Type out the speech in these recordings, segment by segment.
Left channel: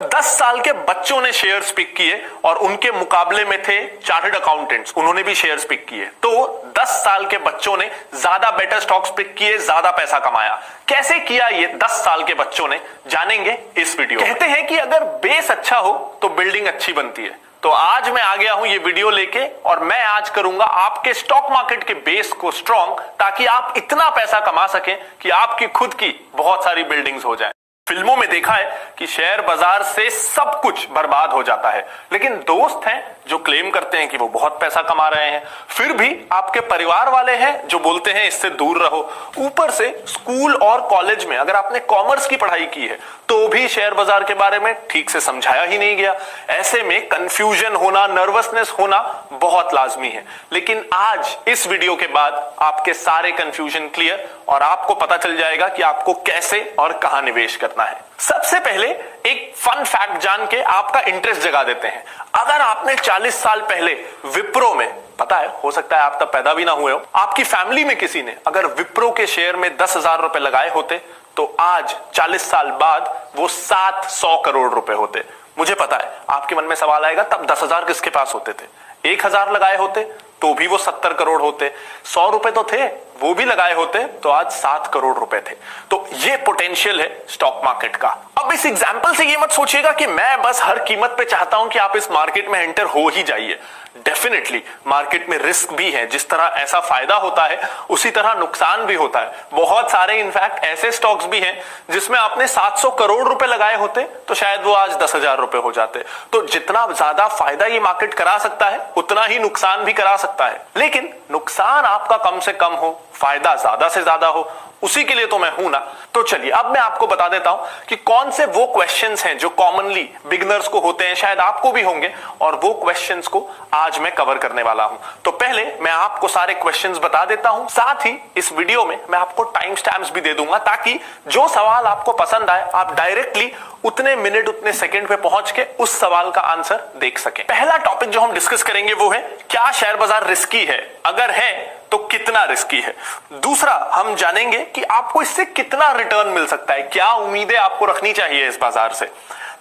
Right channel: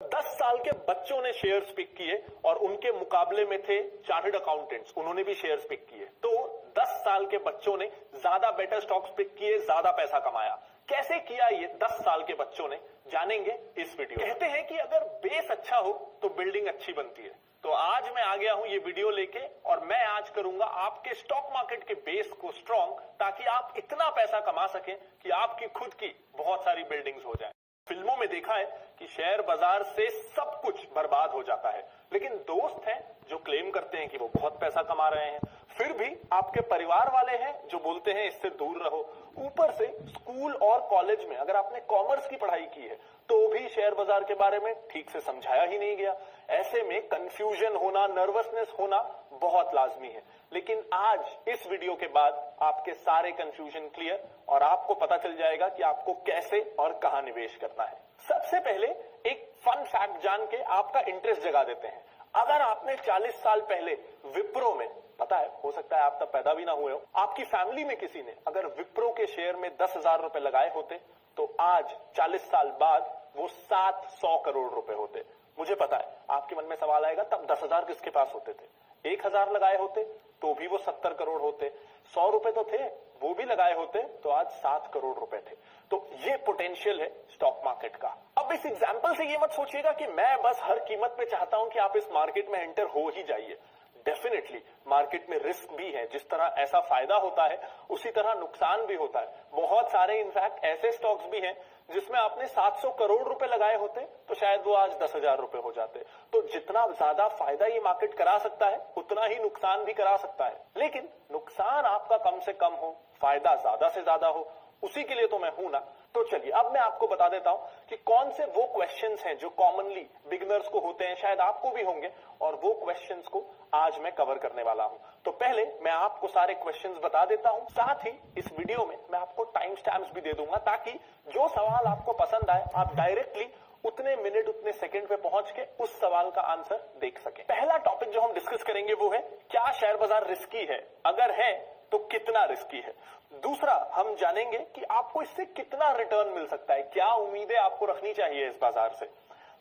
10 साल के बच्चों ने शेयर्स पिक किए और उनके मुकाबले में थे चार्टर्ड अकाउंटेंट्स, उन्होंने भी शेयर्स पिक किए। तो 10 साल के बच्चों ने ज्यादा बेटर स्टॉक्स पिक किए, ज्यादा पैसा कमाया। कैसे किया ये 10 साल के बच्चों ने, जानेंगे इस वीडियो। कहते हैं कि अगर बेस अच्छा हो तो बिल्डिंग अच्छी बनती है। तो आज मैं आ गया हूं ये वीडियो लेके और मैं आज करूंगा आपके स्टॉक मार्केट के बेस को स्ट्रॉन्ग, ताकि आप इतना पैसा कमा सकें कि आपकी खुद की बहुत सारी बिल्डिंग्स हो जाए। फिल्मों में देखा है कि शेयर बाजार से सब कुछ बर्बाद हो जाता है, लेकिन दोस्त हैं जो क्लेम करते हैं कि वो बहुत पैसा कमा रहे हैं। फिर भी आपके परिवार वाले हैं जो बोलते हैं इससे दूर रहो। ऊपर से स्कूल और कॉलेज में अगर आपने कॉमर्स की पढ़ाई की है तो भी शेयर बाजार के बारे में ठीक से समझाया ही नहीं गया। ऐसे में कंफ्यूजन होना, नर्वसनेस होना बहुत लाजमी है। लेकिन आज इस वीडियो के बाद आपके सारे कंफ्यूजन क्लियर और आपको पता चल जाएगा कि आपको कैसे और कहां निवेश करना है। सबसे पहले एक फन फैक्ट जान के आपका इंटरेस्ट जगा देते हैं। अगर आपने 40 साल पहले विप्रो में, पता है हो सकता है आप तब पैदा भी ना हुए हो, आपकी फैमिली में किसी ने अगर विप्रो के शेयर में 10,000 रुपए लगाए होते तो आज 40 साल बाद वो 700 करोड़ रुपए होते। मुझे पता है आपके मन में सवाल आएगा, तब 10,000 किसके पास होते थे? 1,000 लगाए होते तो भी वो 70 करोड़ होते। 100 रुपए तो थे, वो भी लगाए होते तो आज 7 करोड़ रुपए थे। तो ये पोटेंशियल है स्टॉक मार्केट का। अब इस एग्जांपल से ये मत सोचिएगा कि मैं बस हर कीमत पे चाहता हूं कि आप इस मार्केट में एंटर हो ही जाइए। डेफिनेटली मार्केट में रिस्क भी है। जिस तरह ऐसा फायदा होता है उसी तरह नुकसान भी होता है। बहुत सारे इनफैक्ट ऐसे स्टॉक्स भी हैं जिसमें आपने 700 करोड़ रुपए लगाए होते तो शायद वो आज 10,000 रुपए हो जाते। तो जितना ज्यादा फायदा ये मार्केट करा सकता है उतना ही नुकसान भी करा सकता है। लेकिन नुकसान आपका कम से कम हो, फायदा ज्यादा से ज्यादा हो, उसी के लिए तो मैं हूं ना। तो चलिए अब मैं आपको बता देता हूं कि कौन से वो क्वेश्चंस हैं जो कॉमनली बिगिनर्स को होते हैं, शायद आपको भी होंगे, और वो क्वेश्चंस को आज मैं कवर करने वाला हूं। तो पहले मैं आपको सारे क्वेश्चंस बता देता हूं, साथ ही इस वीडियो में मैं आपको टाइम स्टैम्प्स भी दे दूंगा ताकि जो सवाल आपको पसंद आए आप डायरेक्टली उतने मिनट उतने सेकंड पे पहुंच के उस सवाल का आंसर देख सकें। पहला टॉपिक जो हम डिस्कस करेंगे वो है, क्या शेयर बाजार रिस्की है? अगर है तो कितना रिस्की है? दूसरा, हम जानेंगे कि आपको इससे कितना रिटर्न मिल सकता है, क्या उम्मीदें आपको रखनी चाहिए इस बाजार से।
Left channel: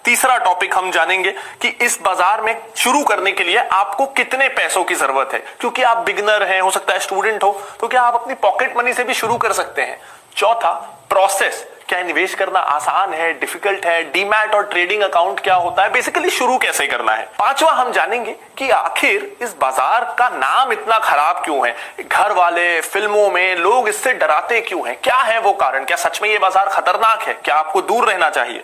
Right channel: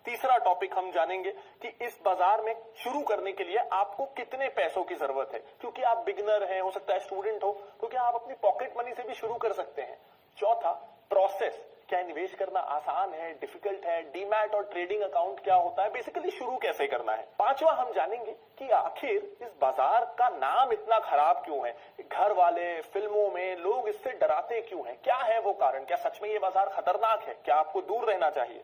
तीसरा टॉपिक हम जानेंगे कि इस बाजार में शुरू करने के लिए आपको कितने पैसों की जरूरत है, क्योंकि आप बिगिनर हैं, हो सकता है स्टूडेंट हो, तो क्या आप अपनी पॉकेट मनी से भी शुरू कर सकते हैं। चौथा, प्रोसेस, क्या निवेश करना आसान है, डिफिकल्ट है, डीमैट और ट्रेडिंग अकाउंट क्या होता है, बेसिकली शुरू कैसे करना है। पांचवा, हम जानेंगे कि आखिर इस बाजार का नाम इतना खराब क्यों है, घर वाले, फिल्मों में लोग इससे डराते क्यों हैं, क्या है वो कारण, क्या सच में ये बाजार खतरनाक है, क्या आपको दूर रहना चाहिए।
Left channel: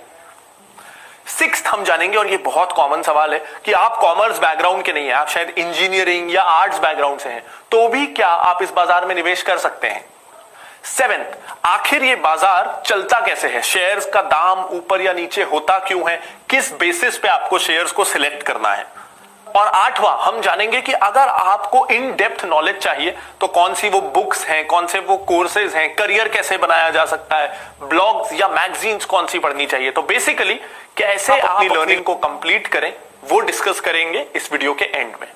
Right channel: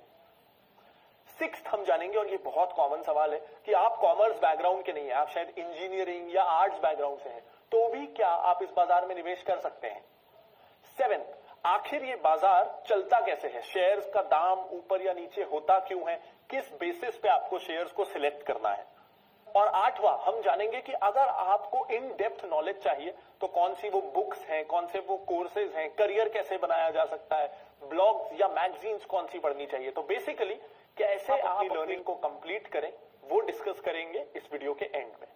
सिक्स्थ, हम जानेंगे, और ये बहुत कॉमन सवाल है, कि आप कॉमर्स बैकग्राउंड के नहीं है, आप शायद इंजीनियरिंग या आर्ट्स बैकग्राउंड से हैं, तो भी क्या आप इस बाजार में निवेश कर सकते हैं। सेवेंथ, आखिर ये बाजार चलता कैसे है, शेयर्स का दाम ऊपर या नीचे होता क्यों है, किस बेसिस पे आपको शेयर्स को सिलेक्ट करना है। और आठवां, हम जानेंगे कि अगर आपको इन डेप्थ नॉलेज चाहिए तो कौन सी वो बुक्स हैं, कौन से वो कोर्सेज हैं, करियर कैसे बनाया जा सकता है, ब्लॉग्स या मैगजीन्स कौन सी पढ़नी चाहिए। तो बेसिकली कैसे आप अपनी लर्निंग को कंप्लीट करें वो डिस्कस करेंगे इस वीडियो के एंड में।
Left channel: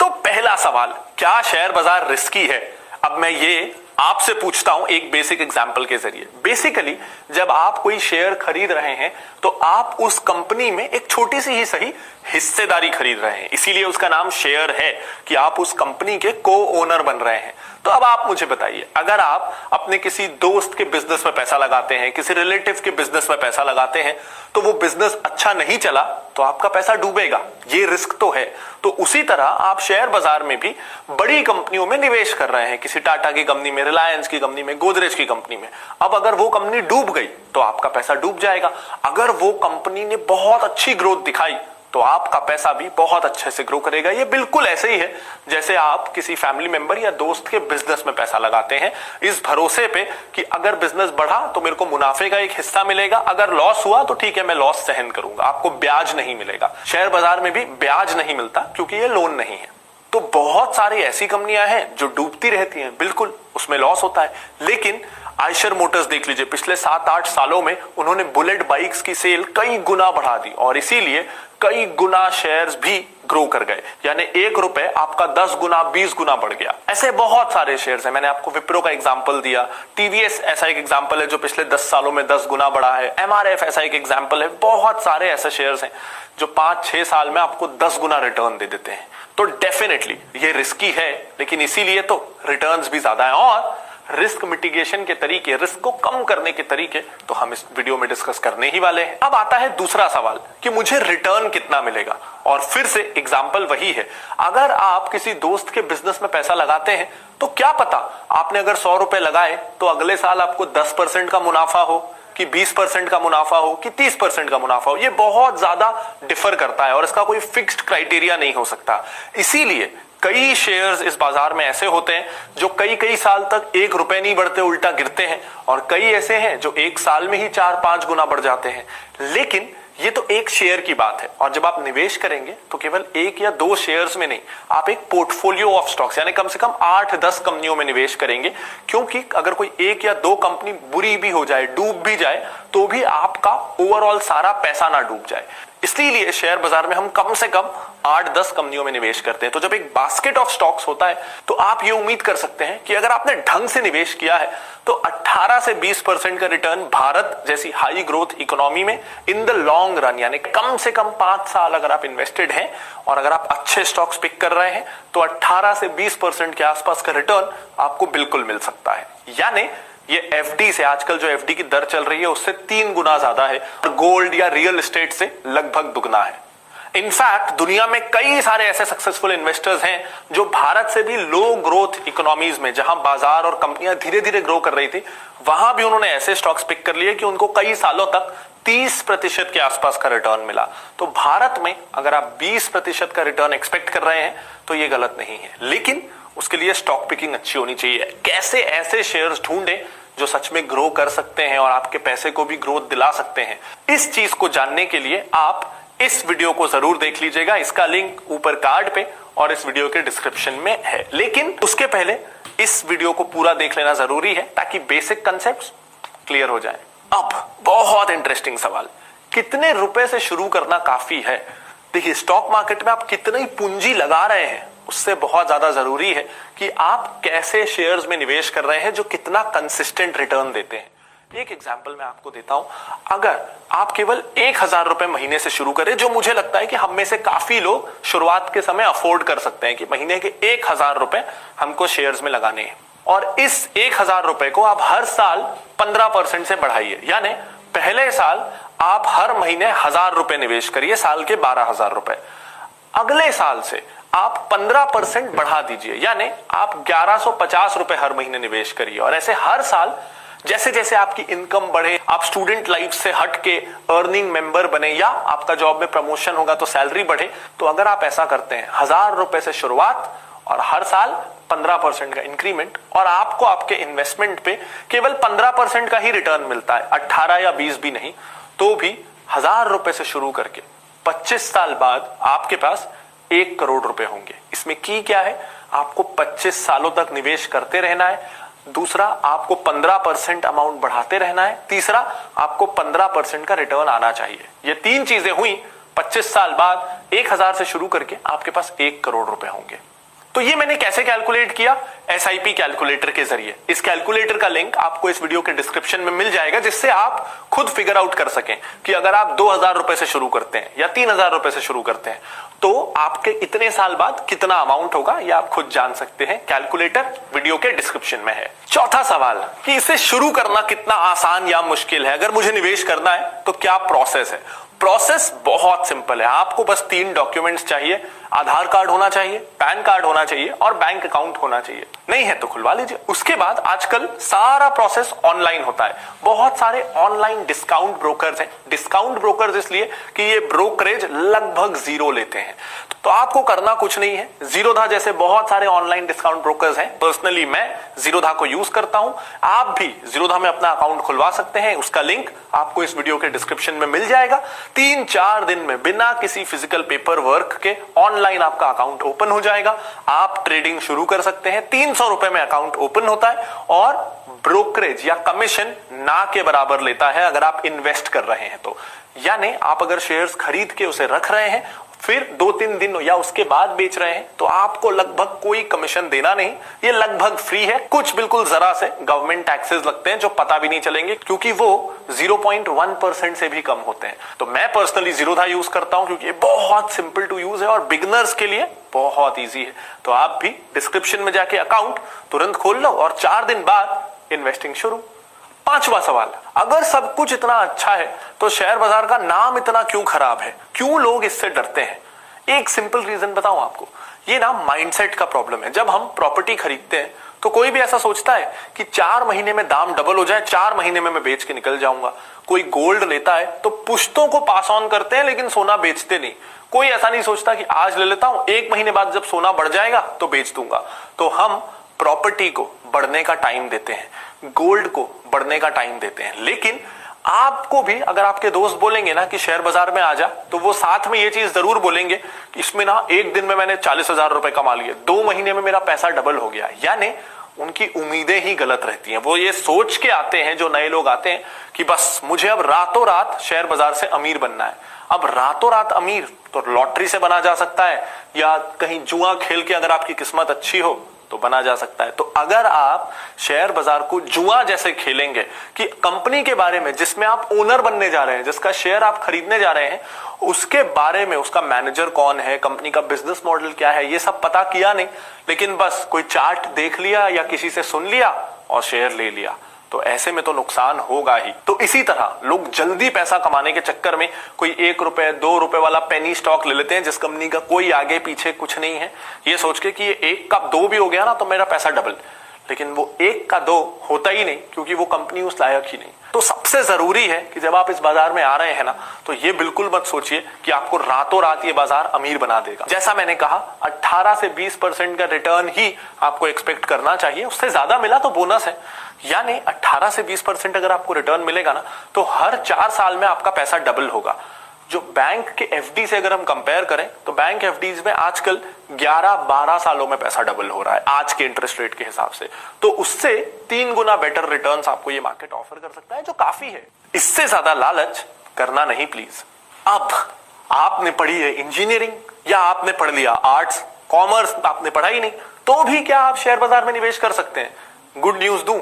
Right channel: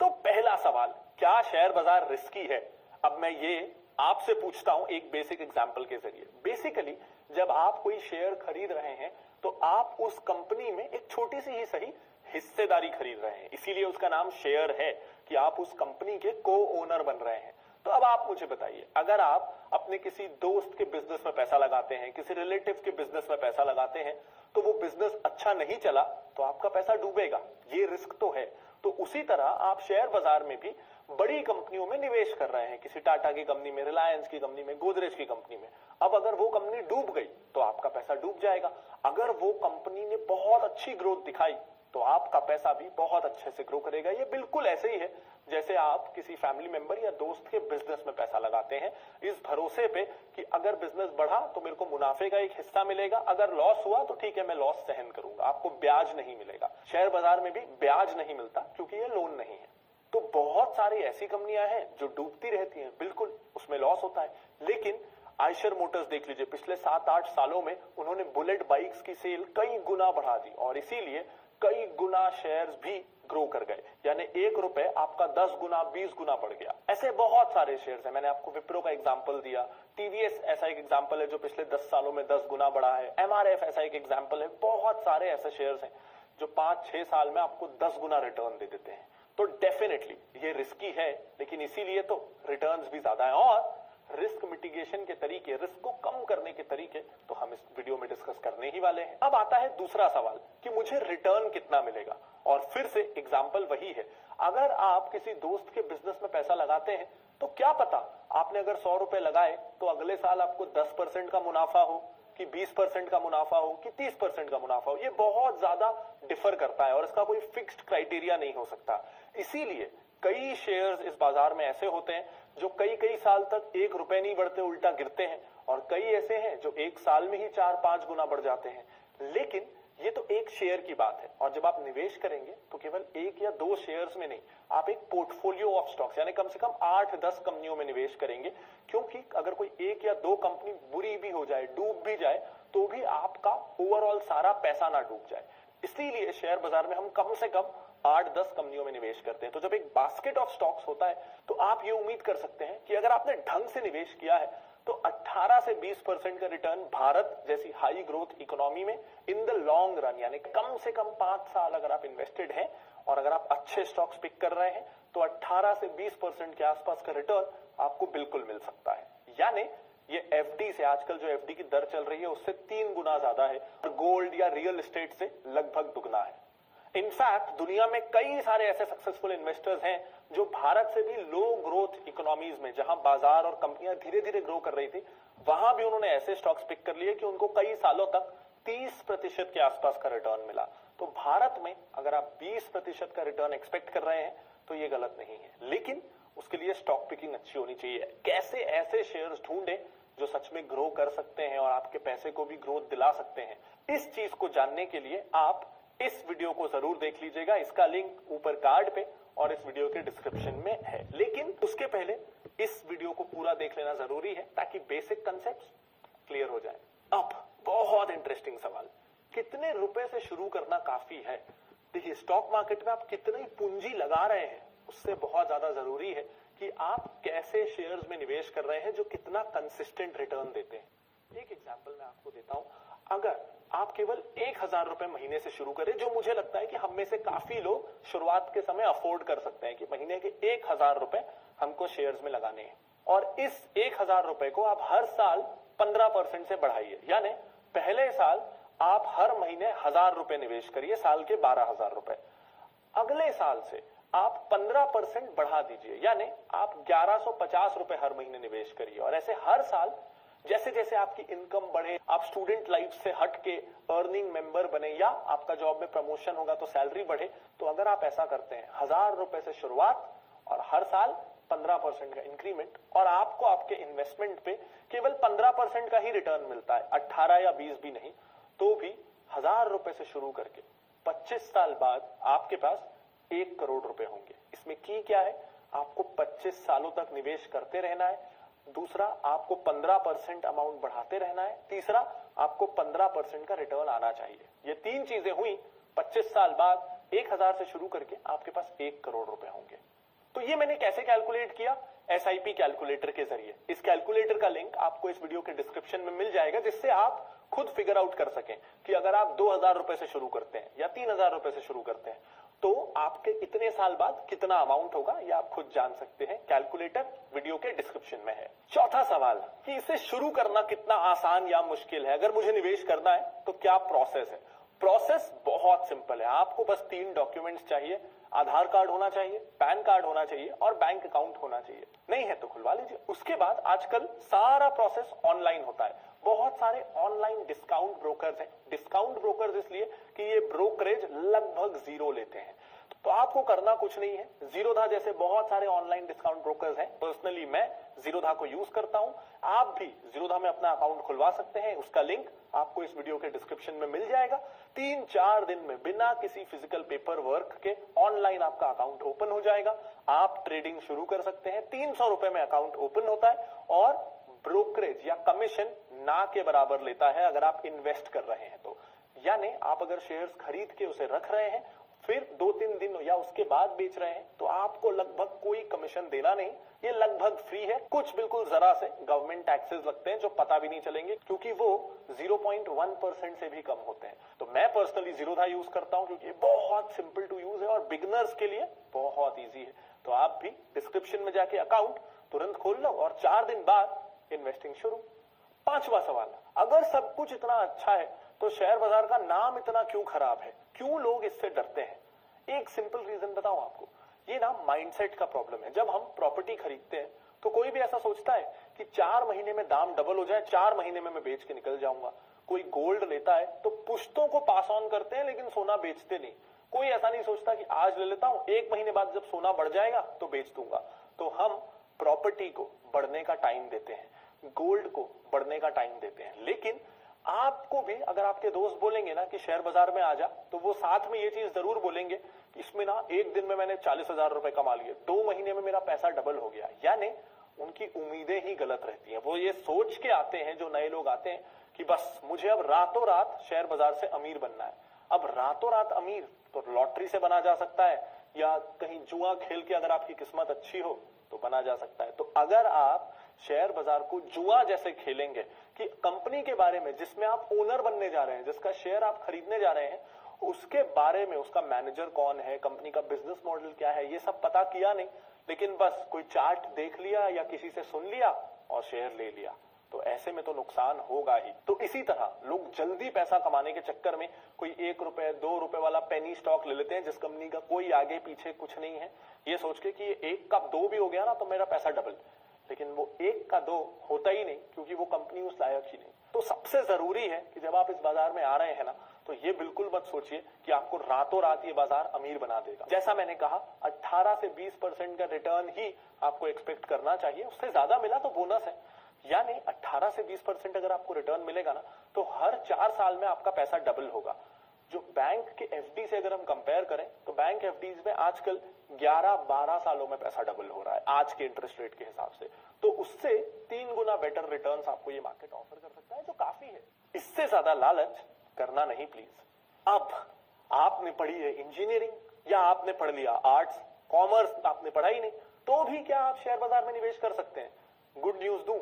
तो पहला सवाल, क्या शेयर बाजार रिस्की है? अब मैं ये आपसे पूछता हूं एक बेसिक एग्जांपल के जरिए। बेसिकली जब आप कोई शेयर खरीद रहे हैं तो आप उस कंपनी में एक छोटी सी ही सही हिस्सेदारी खरीद रहे हैं, इसीलिए उसका नाम शेयर है कि आप उस कंपनी के को ओनर बन रहे हैं। तो अब आप मुझे बताइए, अगर आप अपने किसी दोस्त के बिजनेस में पैसा लगाते हैं, किसी रिलेटिव के बिजनेस में पैसा लगाते हैं, तो वो बिजनेस अच्छा नहीं चला तो आपका पैसा डूबेगा, ये रिस्क तो है। तो उसी तरह आप शेयर बाजार में भी बड़ी कंपनियों में निवेश कर रहे हैं, किसी टाटा की कंपनी में, रिलायंस की कंपनी में, गोदरेज की कंपनी में। अब अगर वो कंपनी डूब गई तो आपका पैसा डूब जाएगा। अगर वो कंपनी ने बहुत अच्छी ग्रोथ दिखाई तो आपका पैसा भी बहुत अच्छे से ग्रो करेगा। ये बिल्कुल ऐसे ही है जैसे आप किसी फैमिली मेंबर या दोस्त के बिजनेस में पैसा लगाते हैं, इस भरोसे पे कि अगर बिजनेस बढ़ा तो मेरे को मुनाफे का एक हिस्सा मिलेगा, अगर लॉस हुआ तो ठीक है मैं लॉस सहन करूंगा, आपको ब्याज नहीं मिलेगा। शेयर बाजार में भी ब्याज नहीं मिलता क्योंकि ये लोन नहीं है। तो बहुत सारी ऐसी कंपनियां हैं जो डूबती रहती हैं, बिल्कुल उसमें लॉस होता है। लेकिन आयशर मोटर्स देख लीजिए, पिछले 7-8 सालों में उन्होंने बुलेट बाइक्स की सेल कई गुना बढ़ा दी और इसीलिए कई गुना शेयर्स भी ग्रो कर गए, यानी 1 रुपए आपका 10 गुना 20 गुना बढ़ गया। ऐसे बहुत सारे शेयर्स हैं, मैंने आपको विप्रो का एग्जांपल दिया, टीवीएस ऐसा एक एग्जांपल है जो पिछले 10 सालों में 10 गुना बढ़ा है, एमआरएफ ऐसा एक एग्जांपल है। बहुत सारे ऐसे शेयर्स हैं जो 5-6 साल में आपको 10 गुना रिटर्न दे देते हैं। तो डेफिनेटली ये रिस्की है, लेकिन इसीलिए तो रिटर्न्स भी ज्यादा है। और रिस्क मिटिगेशन के तरीके, रिस्क को कम करने के तरीके तो हम इस वीडियो में डिस्कस करने ही वाले हैं। अब आता है दूसरा सवाल कि मुझे रिटर्न कितना मिलेगा, और फिर से एग्जांपल वही है, अगर आप किसी दोस्त के बिजनेस में पैसा लगाते हैं तो क्या पता आपने अगर 100 रुपए लगाए तो अगले साल आपको 10% का मुनाफा हो, कि 20% का मुनाफा हो, कि 30% का मुनाफा हो। ये बहुत ज्यादा डिफर करता है और इसका कोई फिक्स्ड क्राइटेरिया नहीं हो सकता। इसीलिए कई शेयर्स इस बाजार में ऐसे होते हैं जो कई कई साल तक 1 रुपए नहीं बढ़ते, उल्टा गिरते हैं, और कई ऐसे हैं जो 1 साल में ही 4-5 गुना बढ़ जाते हैं। लेकिन ये तो एक शेयर की बात है, और जब आप निवेश करेंगे तो केवल 1 या 2 शेयर्स में नहीं, आप एक पोर्टफोलियो ऑफ स्टॉक्स यानी कम से कम 8-10 कंपनियों में निवेश करेंगे, क्योंकि अगर कोई 1 या 2 कंपनी बुरी भी हो जाए, डूब भी जाए, तो भी आपका ओवरऑल सारा पैसा ना डूब जाए। इसलिए शेयर बाजार में हम कम से कम 8-10 कंपनियों में निवेश करते हैं। तो जब एक बास्केट ऑफ स्टॉक्स होता है तो आप ये उम्मीद कर सकते हैं कि अगर आपने ढंग से निवेश किया है तो 18 से 20% का रिटर्न भारत जैसी हाई ग्रोथ इकोनॉमी में इन द लॉन्ग रन, यानी कम से कम 5 साल अगर आप इन्वेस्टेड हैं और अगर आप अच्छे स्टॉक्स पिक कर रहे हैं तो 18 से 20% के आसपास का रिटर्न आपको बिल्कुल मिल सकता है। यानी ये एफडी से, आजकल जो एफडी की दर चल रही है उससे 3 गुना ज्यादा है, और गोल्ड या रियल एस्टेट से लगभग दुगना है। इनफैक्ट दुनिया में कई सारे ऐसे सक्सेसफुल इन्वेस्टर्स हैं जो भारत से भी लो ग्रोथ इकोनॉमीज में, जहां बाजार और कंपनियां धीरे धीरे ग्रो कर रही थी, वहां भी उन्होंने ऐसे स्टॉक्स पिक कर लिए कि उनको कई सालों तक 30% के आसपास का रिटर्न मिला। तो भारत में अगर आप 20% का रिटर्न एक्सपेक्ट कर रहे हैं तो ये गलत नहीं है, लेकिन उसके लिए स्टॉक पिकिंग अच्छी होनी चाहिए। कैसे ऐसे शेयर्स ढूंढे जो सच में ग्रो कर सकते हैं और आपके पैसे को भी ग्रोथ दिला सकते हैं, इस चीज को जानने के लिए आप इस वीडियो को जरूर देख लीजिएगा। इसका लिंक ऊपर कार्ड पे और इस वीडियो के डिस्क्रिप्शन में है। लेकिन उसके पहले इस वीडियो को पूरा देख लेना जरूरी है ताकि बेसिक कंसेप्ट्स क्लियर हो जाए। अब बहुत इंटरेस्टिंग सवाल, कितने रुपए से शुरू करना काफी है? देखिए, स्टॉक मार्केट में आप कितनी पूंजी लगा रहे हैं उससे बहुत ज्यादा जरूरी है कि आप कैसे शेयर्स में निवेश कर रहे हैं जो कितना कंसिस्टेंट रिटर्न देते हैं। एक एग्जांपल मैं आपको देता हूं, अगर आप केवल 1000 रुपए महीने से शुरू करें, जो मुझे लगता है कि हम में से काफी लोग शुरुआत के समय अफोर्ड कर सकते हैं कि महीने के 1000 रुपए हमको शेयर्स में लगाने हैं, और इस 1000 रुपए को आप हर साल 15% से बढ़ाइए, यानी पहले साल आप हर महीने 1000 रुपए निवेश करिए, साल के 12,000 रुपए। अगले साल से आप 15% बढ़ा दीजिए, यानी आप 1150 रुपए हर महीने निवेश करिए, और ऐसे हर साल जैसे जैसे आपकी इनकम बढ़े, आप स्टूडेंट लाइफ से हट के अर्निंग मेंबर बने, या आपका जॉब में प्रमोशन होगा तो सैलरी बढ़े, तो अगर आप ऐसा करते हैं 1000 रुपए से शुरुआत और हर साल 15% का इंक्रीमेंट, और आपको आपके इन्वेस्टमेंट पे केवल 15% का ही रिटर्न मिलता है, 18 या 20 भी नहीं, तो भी 1000 रुपए से शुरू करके 25 साल बाद आपके पास 1 करोड़ रुपए होंगे। इसमें की क्या है, आपको 25 सालों तक निवेश करते रहना है, दूसरा आपको 15% अमाउंट बढ़ाते रहना है, तीसरा आपको 15% का रिटर्न आना चाहिए। ये 3 चीजें हुई, 25 साल बाद 1000 से शुरू करके आपके पास 1 करोड़ रुपए होंगे। तो ये मैंने कैसे कैलकुलेट किया? SIP कैलकुलेटर के जरिए। इस कैलकुलेटर का लिंक आपको इस वीडियो के डिस्क्रिप्शन में मिल जाएगा, जिससे आप खुद फिगर आउट कर सकें कि अगर आप 2000 रुपए से शुरू करते हैं या 3000 रुपए से शुरू करते हैं तो आपके इतने साल बाद कितना अमाउंट होगा, ये आप खुद जान सकते हैं। कैलकुलेटर वीडियो के डिस्क्रिप्शन में है। चौथा सवाल कि इसे शुरू करना कितना आसान या मुश्किल है, अगर मुझे निवेश करना है तो क्या प्रोसेस है? प्रोसेस बहुत सिंपल है, आपको बस 3 डॉक्यूमेंट्स चाहिए, आधार कार्ड होना चाहिए, पैन कार्ड होना चाहिए और बैंक अकाउंट होना चाहिए। नहीं है तो खुलवा लीजिए। उसके बाद आजकल सारा प्रोसेस ऑनलाइन होता है। बहुत सारे ऑनलाइन डिस्काउंट ब्रोकर्स हैं। डिस्काउंट ब्रोकर्स इसलिए कि ये ब्रोकरेज लगभग 0 लेते हैं, तो आपको करना कुछ नहीं है। जीरोधा जैसे बहुत सारे ऑनलाइन डिस्काउंट ब्रोकर्स हैं। पर्सनली मैं जीरोधा को यूज करता हूं, आप भी जीरोधा में अपना अकाउंट खुलवा सकते हैं। उसका लिंक आपको इस वीडियो के डिस्क्रिप्शन में मिल जाएगा। 3-4 दिन में बिना किसी फिजिकल पेपर वर्क के ऑनलाइन आपका अकाउंट ओपन हो जाएगा। आप ट्रेडिंग शुरू कर सकते हैं। 300 रुपए में अकाउंट ओपन होता है और ब्रोकरेज या कमीशन ना के बराबर लेता है अगर आप इन्वेस्ट कर रहे हैं तो। यानी आप अगर शेयर्स खरीद के उसे रख रहे हैं, फिर 2-3 दिन या उसके बाद बेच रहे हैं तो आपको लगभग कोई कमीशन देना नहीं, ये लगभग फ्री है। कुछ बिल्कुल जरा से गवर्नमेंट टैक्सेस लगते हैं जो पता भी नहीं चलेंगे क्योंकि वो 0.1% से भी कम होते हैं। तो मैं पर्सनली जीरोधा यूज करता हूं क्योंकि ये बहुत सिंपल टू यूज है और बिगिनर्स के लिए बहुत इजी है। तो आप भी डिस्क्रिप्शन में जाके अकाउंट तुरंत खोल लो और 4 दिन बाद इन्वेस्टिंग शुरू। 5वां सवाल, अगर सब कुछ इतना अच्छा है तो शेयर बाजार का नाम इतना क्यों खराब है, क्यों लोग इससे डरते हैं? एक सिंपल रीजन बताऊं आपको, ये ना माइंडसेट का प्रॉब्लम है। जब हम प्रॉपर्टी खरीदते हैं तो कोई भी ऐसा सोचता है कि 4 महीने में दाम डबल हो जाए, 4 महीने में मैं बेच के निकल जाऊंगा। कोई गोल्ड लेता है तो पुश्तों को पास ऑन करते हैं लेकिन सोना बेचते नहीं। कोई ऐसा नहीं सोचता कि आज ले लेता हूं, 1 महीने बाद जब सोना बढ़ जाएगा तो बेच दूंगा। तो हम प्रॉपर्टी को बढ़ने का टाइम देते हैं, गोल्ड को बढ़ने का टाइम देते हैं। लेकिन आपको भी अगर आपके दोस्त बोलेंगे ना कि शेयर बाजार में आ जा, तो वो साथ में ये चीज जरूर बोलेंगे कि इसमें ना 1 दिन में मैंने 40,000 रुपए कमा लिए, 2 महीने में मेरा पैसा डबल हो गया। यानी उनकी उम्मीदें ही गलत रहती हैं। वो ये सोच के आते हैं, जो नए लोग आते हैं, कि बस मुझे अब रातों रात शेयर बाजार से अमीर बनना है। अब रातों रात अमीर तो लॉटरी से बना जा सकता है या कहीं जुआ खेल के अगर आपकी किस्मत अच्छी हो तो बना जा सकता है। तो अगर आप शेयर बाजार को जुआ जैसे खेलेंगे कि कंपनी के बारे में जिसमें आप ओनर बनने जा रहे हैं, जिसका शेयर आप खरीदने जा रहे हैं, उसके बारे में, उसका मैनेजर कौन है, कंपनी का बिजनेस मॉडल क्या है, ये सब पता किया नहीं, लेकिन बस कोई चार्ट देख लिया या किसी से सुन लिया और शेयर ले लिया, तो ऐसे में तो नुकसान होगा ही। तो इसी तरह लोग जल्दी पैसा कमाने के चक्कर में कोई 1 रुपए 2 रुपए वाला पेनी स्टॉक ले लेते हैं जिस कंपनी का कोई आगे पीछे कुछ नहीं है, ये सोच के कि ये 1 का 2 भी हो गया ना तो मेरा पैसा डबल। लेकिन वो 1 का 2 होता ही नहीं क्योंकि वो कंपनी उस लायक ही नहीं। तो सबसे जरूरी है कि जब आप इस बाजार में आ रहे हैं ना, तो ये बिल्कुल मत सोचिए कि आपको रातों रात ये बाजार अमीर बना देगा। जैसा मैंने कहा, 18 से 20% का रिटर्न ही आपको एक्सपेक्ट करना चाहिए। उससे ज्यादा मिला तो बोनस है। यानी 18 से 20% अगर आपको रिटर्न मिलेगा ना, तो हर 4 साल में आपका पैसा डबल होगा। जो बैंक के एफडी से अगर हम कंपेयर करें तो बैंक एफडीज में आजकल 11-12 सालों में पैसा डबल हो रहा है आज के इंटरेस्ट रेट के हिसाब से। तो उससे 3 गुना बेटर रिटर्न्स आपको ये मार्केट ऑफर कर सकता है, जो काफी है। इससे ज्यादा लालच करना नहीं प्लीज। अब आपने पढ़ी है इंजीनियरिंग या आपने पढ़ लिया आर्ट्स, कॉमर्स आपने पढ़ा ही नहीं, तो भी क्या आप शेयर बाजार में निवेश कर सकते हैं? गुड न्यूज दूं,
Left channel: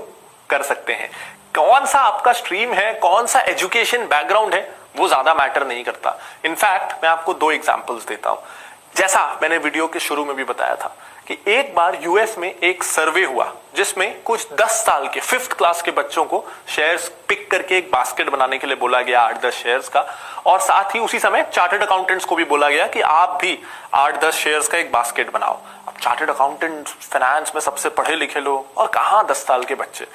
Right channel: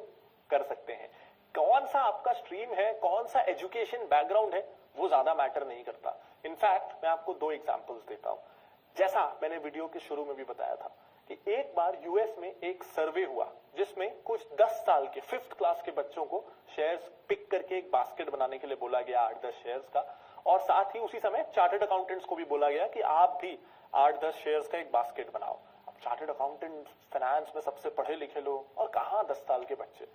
कर सकते हैं। कौन सा आपका स्ट्रीम है, कौन सा एजुकेशन बैकग्राउंड है, वो ज्यादा मैटर नहीं करता। इनफैक्ट मैं आपको 2 एग्जांपल्स देता हूं। जैसा मैंने वीडियो के शुरू में भी बताया था कि एक बार यूएस में एक सर्वे हुआ जिसमें कुछ 10 साल के 5th क्लास के बच्चों को शेयर्स पिक करके एक बास्केट बनाने के लिए बोला गया 8-10 शेयर्स का, और साथ ही उसी समय चार्टर्ड अकाउंटेंट्स को भी बोला गया कि आप भी 8-10 शेयर्स का एक बास्केट बनाओ। अब चार्टर्ड अकाउंटेंट, फाइनेंस में सबसे पढ़े लिखे लोग, और कहां 10 साल के बच्चे।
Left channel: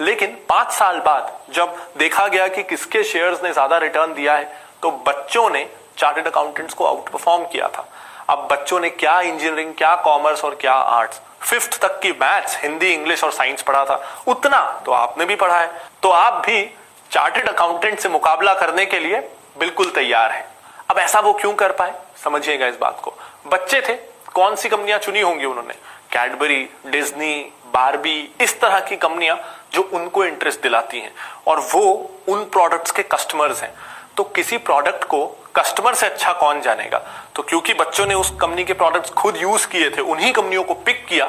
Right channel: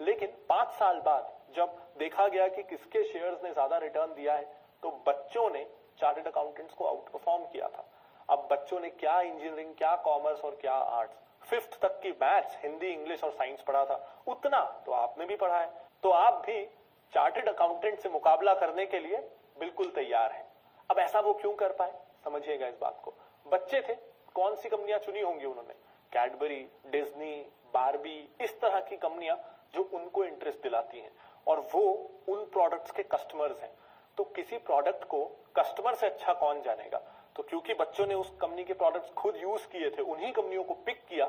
लेकिन 5 साल बाद जब देखा गया कि किसके शेयर्स ने ज्यादा रिटर्न दिया है, तो बच्चों ने चार्टर्ड अकाउंटेंट्स को आउट परफॉर्म किया था। अब बच्चों ने क्या इंजीनियरिंग, क्या कॉमर्स और क्या आर्ट्स, 5th तक की मैथ्स, हिंदी, इंग्लिश और साइंस पढ़ा था, उतना तो आपने भी पढ़ा है। तो आप भी चार्टर्ड अकाउंटेंट से मुकाबला करने के लिए बिल्कुल तैयार है। अब ऐसा वो क्यों कर पाए, समझिएगा इस बात को। बच्चे थे, कौन सी कंपनियां चुनी होंगी उन्होंने? कैडबरी, डिज्नी, बारबी, इस तरह की कंपनियां जो उनको इंटरेस्ट दिलाती हैं, और वो उन प्रोडक्ट्स के कस्टमर्स हैं। तो किसी प्रोडक्ट को कस्टमर से अच्छा कौन जानेगा? तो क्योंकि बच्चों ने उस कंपनी के प्रोडक्ट्स खुद यूज किए थे, उन्हीं कंपनियों को पिक किया,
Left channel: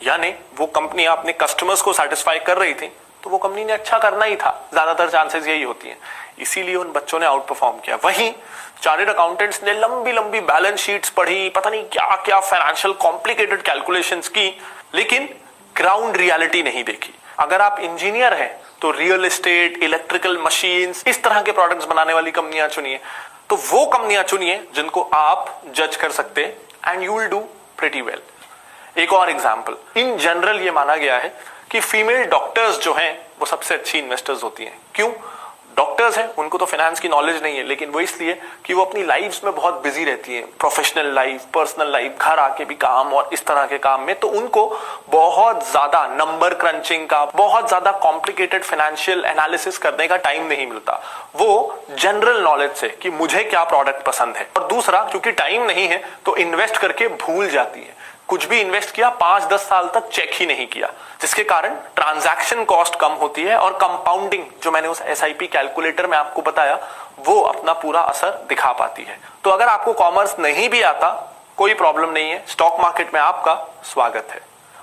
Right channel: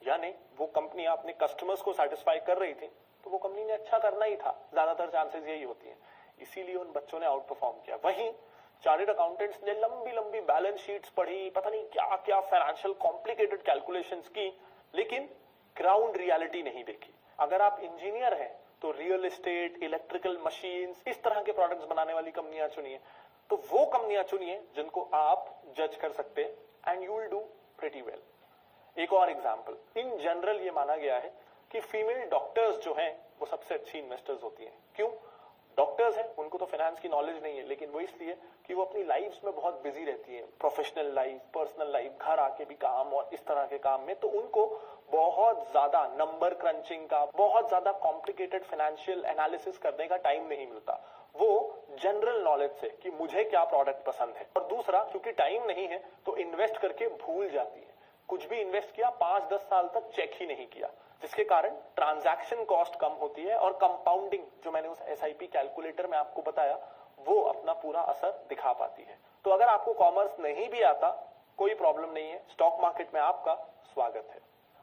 यानी वो कंपनियां अपने कस्टमर्स को सेटिस्फाई कर रही थी, तो वो कंपनी ने अच्छा करना ही था। ज्यादातर चांसेस यही होती हैं, इसीलिए उन बच्चों ने आउट परफॉर्म किया। वहीं चार्टर्ड अकाउंटेंट्स ने लंबी लंबी बैलेंस शीट्स पढ़ी, पता नहीं क्या क्या फाइनेंशियल कॉम्प्लिकेटेड कैलकुलेशंस की, लेकिन ग्राउंड रियलिटी नहीं देखी। अगर आप इंजीनियर हैं तो रियल एस्टेट, इलेक्ट्रिकल मशीन्स, इस तरह के प्रोडक्ट्स बनाने वाली कंपनियां चुनिए। तो वो कंपनियां चुनिए जिनको आप जज कर सकते हैं, and you will do pretty well. एक और एग्जांपल, इन जनरल ये माना गया है कि फीमेल डॉक्टर्स जो हैं वो सबसे अच्छी इन्वेस्टर्स होती हैं। क्यों? डॉक्टर्स हैं, उनको तो फाइनेंस की नॉलेज नहीं है, लेकिन वो इसलिए कि वो अपनी लाइफ्स में बहुत बिजी रहती हैं, प्रोफेशनल लाइफ, पर्सनल लाइफ, घर आके भी काम और इस तरह के काम में, तो उनको बहुत ज्यादा नंबर क्रंचिंग का, बहुत ज्यादा कॉम्प्लिकेटेड फाइनेंशियल एनालिसिस करने का टाइम नहीं मिलता। वो जनरल नॉलेज से कि मुझे क्या प्रोडक्ट पसंद है, और दूसरा क्योंकि टाइम नहीं है तो इन्वेस्ट करके भूल जाती है। कुछ भी इन्वेस्ट किया 5-10 साल तक चेक ही नहीं किया, जिसके कारण ट्रांजैक्शन कॉस्ट कम होती है और कंपाउंडिंग, जो मैंने उस एसआईपी कैलकुलेटर में आपको बताया, वो अपना पूरा असर दिखा पाती है। तो अगर आपको कॉमर्स नहीं भी आता, कोई प्रॉब्लम नहीं है, स्टॉक मार्केट में आपका स्वागत है।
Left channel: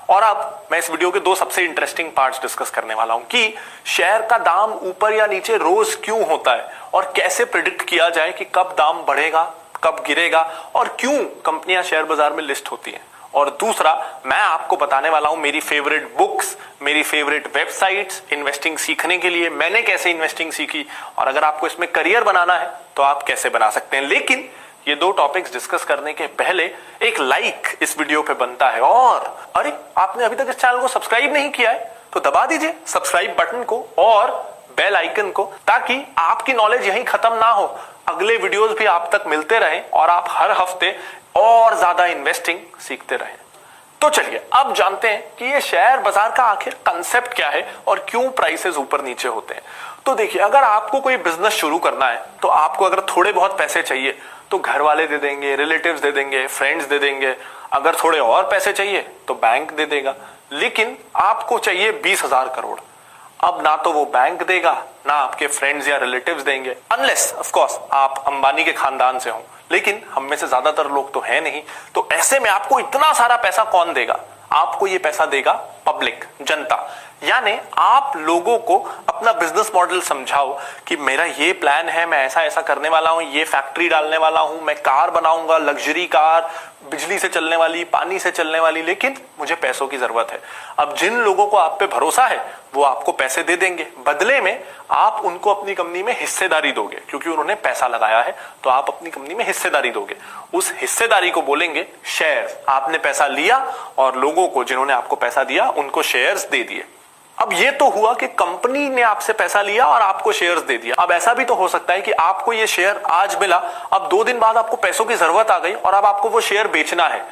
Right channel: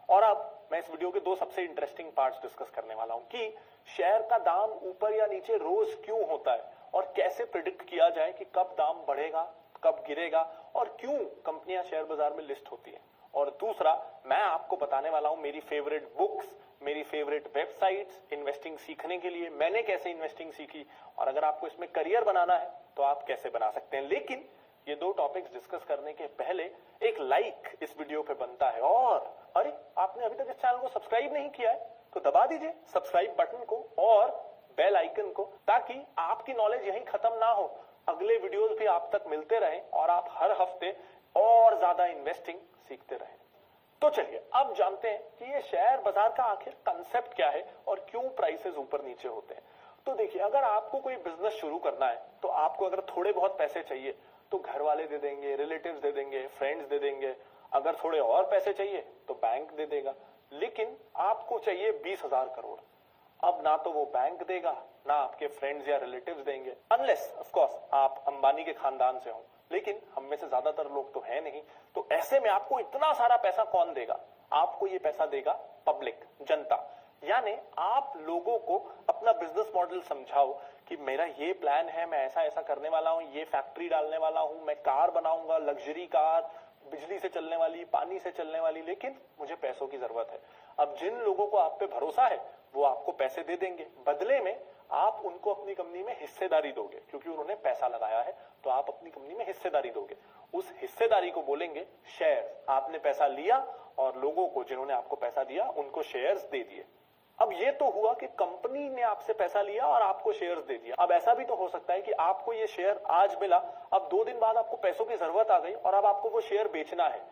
और अब मैं इस वीडियो के 2 सबसे इंटरेस्टिंग पार्ट्स डिस्कस करने वाला हूं कि शेयर का दाम ऊपर या नीचे रोज क्यों होता है और कैसे प्रिडिक्ट किया जाए कि कब दाम बढ़ेगा, कब गिरेगा और क्यों कंपनियां शेयर बाजार में लिस्ट होती हैं। और दूसरा, मैं आपको बताने वाला हूं मेरी फेवरेट बुक्स, मेरी फेवरेट वेबसाइट्स इन्वेस्टिंग सीखने के लिए, मैंने कैसे इन्वेस्टिंग सीखी और अगर आपको इसमें करियर बनाना है तो आप कैसे बना सकते हैं। लेकिन ये 2 टॉपिक्स डिस्कस करने के पहले एक लाइक इस वीडियो पे बनता है। और अरे, आपने अभी तक इस चैनल को सब्सक्राइब नहीं किया है तो दबा दीजिए सब्सक्राइब बटन को और बेल आइकन को, ताकि आपकी नॉलेज यहीं खत्म ना हो, अगले वीडियोस भी आप तक मिलते रहें और आप हर हफ्ते और ज्यादा इन्वेस्टिंग सीखते रहें। तो चलिए अब जानते हैं कि ये शेयर बाजार का आखिर कंसेप्ट क्या है और क्यों प्राइसेस ऊपर नीचे होते हैं। तो देखिए, अगर आपको कोई बिजनेस शुरू करना है तो आपको अगर थोड़े बहुत पैसे चाहिए तो घर वाले दे देंगे, रिलेटिव्स दे देंगे, फ्रेंड्स दे देंगे। अगर थोड़े और पैसे चाहिए तो बैंक दे देगा। लेकिन आपको चाहिए 20,000 करोड़। अब ना तो वो बैंक देगा, ना आपके फ्रेंड्स या रिलेटिव्स देंगे, अनलेस ऑफ कोर्स आप अंबानी के खानदान से हो। लेकिन हम में से ज्यादातर लोग तो है नहीं। तो ऐसे में आपको इतना सारा पैसा कौन देगा? आपको ये पैसा देगा पब्लिक, जनता। यानी आप लोगों को अपना बिजनेस मॉडल समझाओ कि मेरा ये प्लान है, मैं ऐसा ऐसा करने वाला हूं, ये फैक्ट्री डालने वाला हूं, मैं कार बनाऊंगा, लग्जरी कार, बिजली से चलने वाली, पानी से चलने वाली, लेकिन मुझे पैसों की जरूरत है। अब जिन लोगों को आप पे भरोसा है वो आपको पैसे दे देंगे, बदले में आप उनको अपनी कंपनी में हिस्सेदारी दोगे, क्योंकि उन्होंने पैसा लगाया है तो आप अपनी कंपनी में हिस्सेदारी दोगे। उस हिस्सेदारी को बोलेंगे शेयर। आपने पैसा लिया और लोगों को, जिन्होंने आपको पैसा दिया, उनको शेयर्स दे दिए। अब ये तो हुआ कि कंपनी ने आपसे पैसा लिया और आपको शेयर्स दे दिया। अब ऐसा भी तो हो सकता है कि आपको ये शेयर आज मिला, अब 2 दिन बाद आपको पैसों की जरूरत आ गई और अब आपको वो शेयर बेचना है।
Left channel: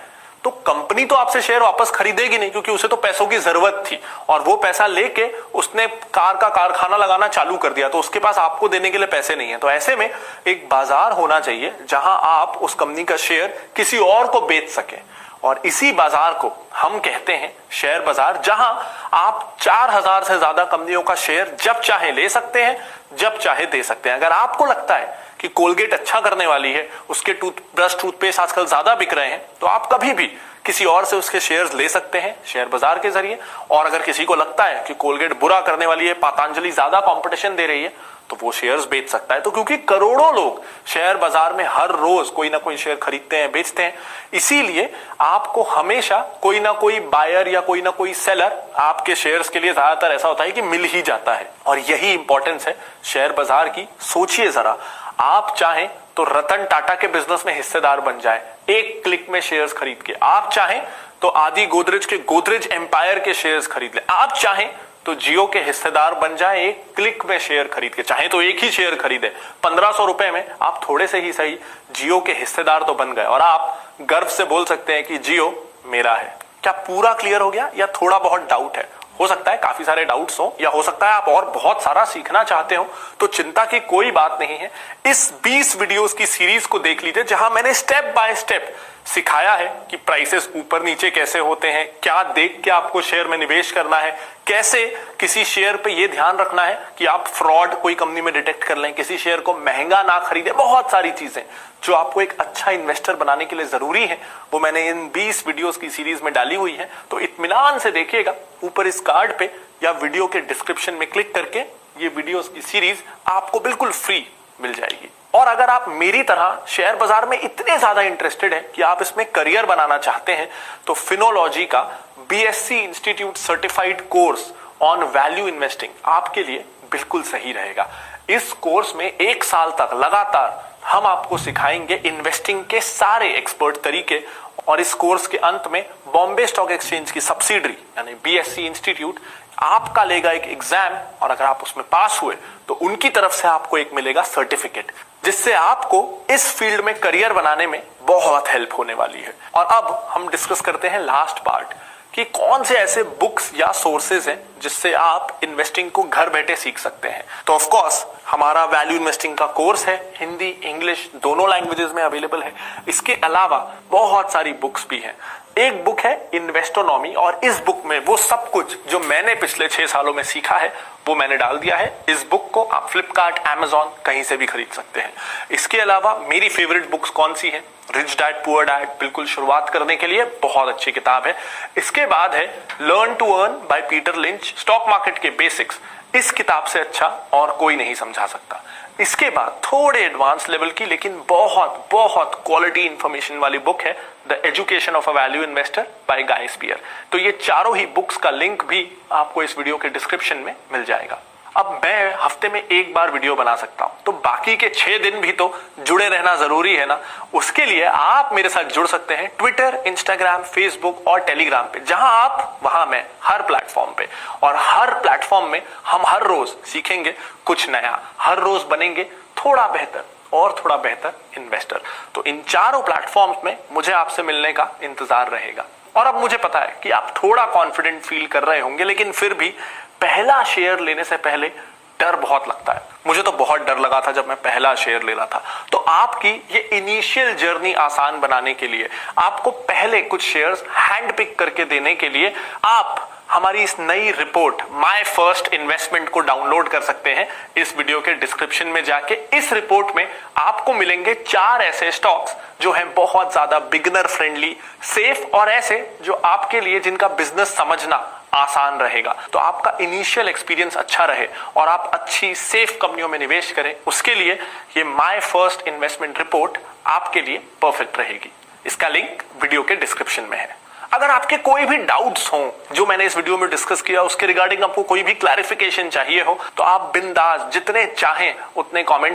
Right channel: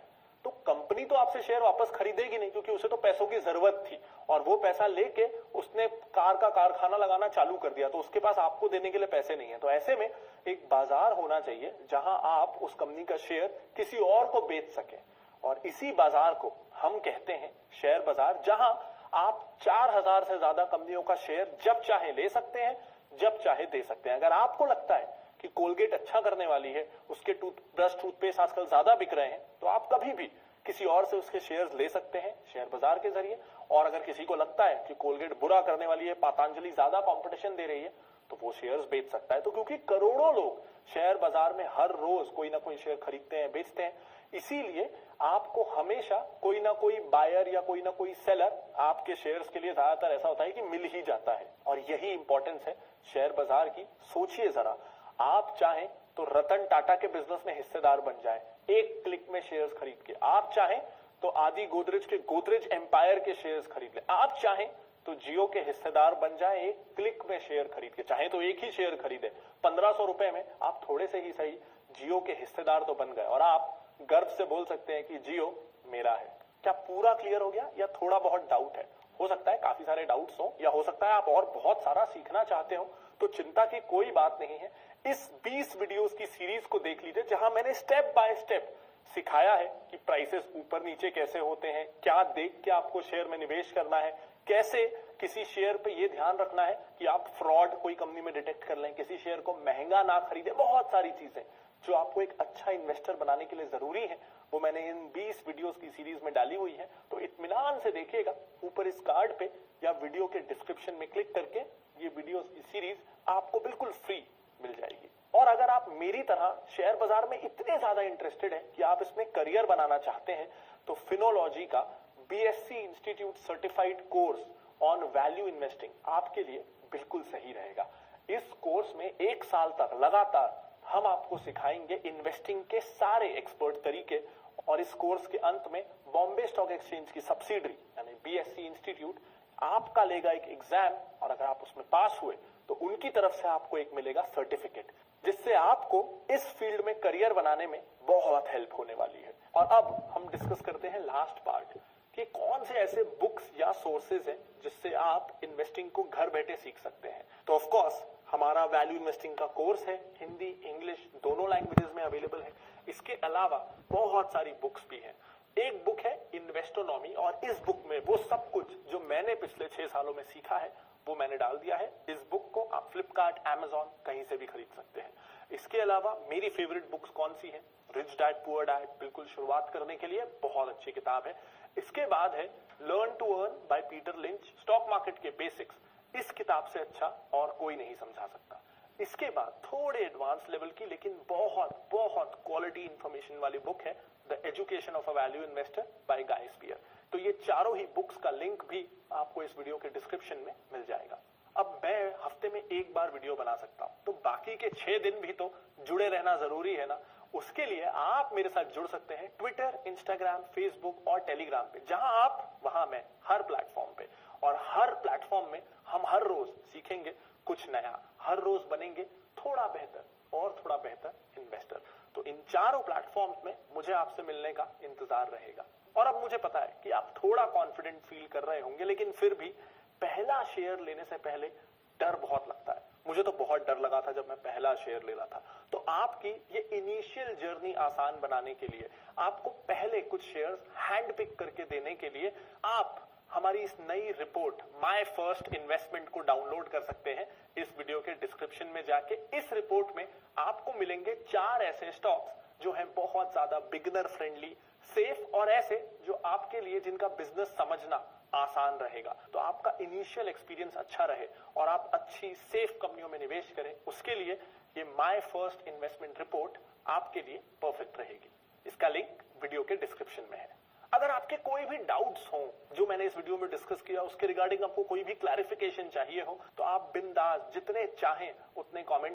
तो कंपनी तो आपसे शेयर वापस खरीदेगी नहीं, क्योंकि उसे तो पैसों की जरूरत थी और वो पैसा लेके उसने कार का कारखाना लगाना चालू कर दिया, तो उसके पास आपको देने के लिए पैसे नहीं है। तो ऐसे में एक बाजार होना चाहिए जहां आप उस कंपनी का शेयर किसी और को बेच सके, और इसी बाजार को हम कहते हैं शेयर बाजार, जहां आप 4000 से ज्यादा कंपनियों का शेयर जब चाहे ले सकते हैं, जब चाहे दे सकते हैं। अगर आपको लगता है कि कोलगेट अच्छा करने वाली है, उसके टूथब्रश, टूथपेस्ट आजकल ज्यादा बिक रहे हैं, तो आप कभी भी किसी और से उसके शेयर्स ले सकते हैं शेयर बाजार के जरिए। और अगर किसी को लगता है कि कोलगेट बुरा करने वाली है, पतंजलि ज्यादा कंपटीशन दे रही है, तो वो शेयर्स बेच सकता है। तो क्योंकि करोड़ों लोग शेयर बाजार में हर रोज कोई ना कोई शेयर खरीदते हैं, बेचते हैं, इसीलिए आपको हमेशा कोई ना कोई बायर या कोई ना कोई सेलर आपके शेयर्स के लिए ज्यादातर ऐसा होता है कि मिल ही जाता है। और यही इंपॉर्टेंस है शेयर बाजार की। सोचिए जरा, आप चाहें तो रतन टाटा के बिजनेस में हिस्सेदार बन जाए एक क्लिक में शेयर्स खरीद के। आप चाहें तो आदि गोदरेज के गोदरेज एम्पायर के शेयर्स खरीद ले। आप चाहें तो जियो के हिस्सेदार बन जाए एक क्लिक में शेयर खरीद के। चाहे तो एक ही शेयर खरीदे, 1500 रुपए में आप थोड़े से ही सही जियो के हिस्सेदार तो बन गए और आप गर्व से बोल सकते हैं कि जियो मेरा है। क्या पूरा क्लियर हो गया या थोड़ा बहुत डाउट है? हो सकता है काफी सारे डाउट्स हो, या हो सकता है आप और बहुत सारा सीखना चाहते हो, तो चिंता की कोई बात नहीं है। इस 20 वीडियोस की सीरीज को देख लीजिए, जहां मैंने स्टेप बाय स्टेप सिखाया है कि प्राइसेस ऊपर नीचे कैसे होते हैं, क्या देख के आपको शेयर में निवेश करना है, कैसे किसी शेयर पे ये ध्यान रखना है कि आप फ्रॉड कोई कंपनी में डिटेक्ट कर लें, किसी शेयर को महंगा ना खरीदे। बहुत सारी चीजें जो आपको एक अच्छा इन्वेस्टर बनाने के लिए जरूरी है, वो मैंने इन 20 वीडियोस की सीरीज में डाली हुई है। तो इत्मीनान से देखिएगा, ऊपर इस कार्ड पे या वीडियो के डिस्क्रिप्शन में क्लिक करके ये वीडियोस की सीरीज आपको बिल्कुल फ्री मिल जाएगी। और अगर आप मेरी तरह शेयर बाजार में इतने ज्यादा इंटरेस्टेड हैं कि आप इसमें करियर बनाना चाहते हैं, तो फिनोलॉजी का BSc institute certified course on value investing आपके लिए बिल्कुल सही रहेगा। इस कोर्स में 1 साल तक लगातार हम आपको सिखाएंगे इन्वेस्टिंग के सारे एक्सपर्ट तरीके, और इस कोर्स के अंत में बॉम्बे स्टॉक एक्सचेंज की सब्सिडरी यानी बीएससी इंस्टीट्यूट आपका लेगा एक एग्जाम, और अगर आप उसमें पास हुए तो उनकी तरफ से आपको एक मिलेगा सर्टिफिकेट, जिससे आपको इस फील्ड में करियर बनाने में बहुत हेल्प होने वाली है। और अब हम डिस्कस करते हैं लास्ट पार्ट कि कौन से ऐसे बुक्स या सोर्सेज हैं जिससे आप इन्वेस्टिंग को घर बैठे सीख सकते हैं। तो ऑफ कोर्स हमारा वैल्यू इन्वेस्टिंग का कोर्स है, हिंदी इंग्लिश दोनों लैंग्वेजेस में अवेलेबल है। इसके अलावा बहुत सारी बुक्स भी हैं। एक बुक है इन्वेस्टोनॉमी, और इस बुक में वो सब कुछ जो मैंने पिछले 6 सालों में सीखा है वो मैंने डाल दिया है। इस बुक को आप फ्लिपकार्ट, अमेजॉन कहीं से भी खरीद सकते हैं। इसके अलावा मेरी फेवरेट बुक्स कौन सी है? रिच डैड पुअर डैड, बिल्कुल शुरुआत करने के लिए बहुत अच्छी किताब है। इसके बाद है learn to earn by Peter Lynch, stock market के बेसिक्स। इस किताब से अच्छा और कोई नहीं समझा सकता। इसके बाद थोड़े एडवांस लेवल की लेकिन बहुत बहुत क्वालिटी इंफॉर्मेशन वाली बुक है the education of a value investor by Guy Spier. तो ये चारों ही बुक्स का लिंक भी आपको इस वीडियो के डिस्क्रिप्शन में मिल जाएगा। अब मैं हफ्ते में एक बार वीडियो बना सकता हूं, तो बाकी के 6 दिन भी तो जुड़े रहना जरूरी है ना। उसके लिए आप मेरे साथ जुड़ सकते हैं ट्विटर, इंस्टाग्राम, फेसबुक और टेलीग्राम पे। जहां आप वहां मैं, हर प्लेटफॉर्म पे। और हर प्लेटफॉर्म में हम हर रोज सीखेंगे कुछ नया, हर रोज बनेंगे थोड़ा बेहतर और थोड़ा बेहतर इन्वेस्टर। तो इन चारों प्लेटफॉर्म्स में मुझे आपसे मिलने का इंतजार रहेगा। और अब मुझे पता है कि आप थोड़ा कॉन्फिडेंट फील कर रहे होंगे, लेकिन फिर भी पहला शेयर लेने से पहले डर बहुत लगता है। मुझे तो बहुत डर लगा था जब मैं पहला शेयर ले रहा था। तो आपकी ये इनिशियल जर्नी आसान बनाने के लिए, आपको पहले कुछ शेयर्स हैंड पिक करके देने के लिए आप हमारी इस नई रिपोर्ट माय फर्स्ट इन्वेस्टमेंट को डाउनलोड कर सकते हैं। इस वीडियो के डिस्क्रिप्शन में जाके इस रिपोर्ट में आपको मिलेंगे 4 ऐसे स्टॉक्स जो हैं बहुत ज्यादा बिगिनर फ्रेंडली, सेफ और ऐसे जो आपके लिए जिनका बिजनेस समझना आसान रहेगा। तो आपका इनिशियल एक्सपीरियंस अच्छा रहे और आप अच्छी सेफ कंपनियों में निवेश करें, उसके लिए ये माय फर्स्ट इन्वेस्टमेंट रिपोर्ट आपके लिए परफेक्ट रहेगी। इसका लिंक वीडियो के डिस्क्रिप्शन में है। अगर आपके कोई भी डाउट्स हों जो मैंने इस वीडियो में डिस्कस किया, उसके रिगार्डिंग आपको कोई भी क्लैरिफिकेशन चाहिए हो, तो आप बिंदास जितने चाहें उतने कमेंट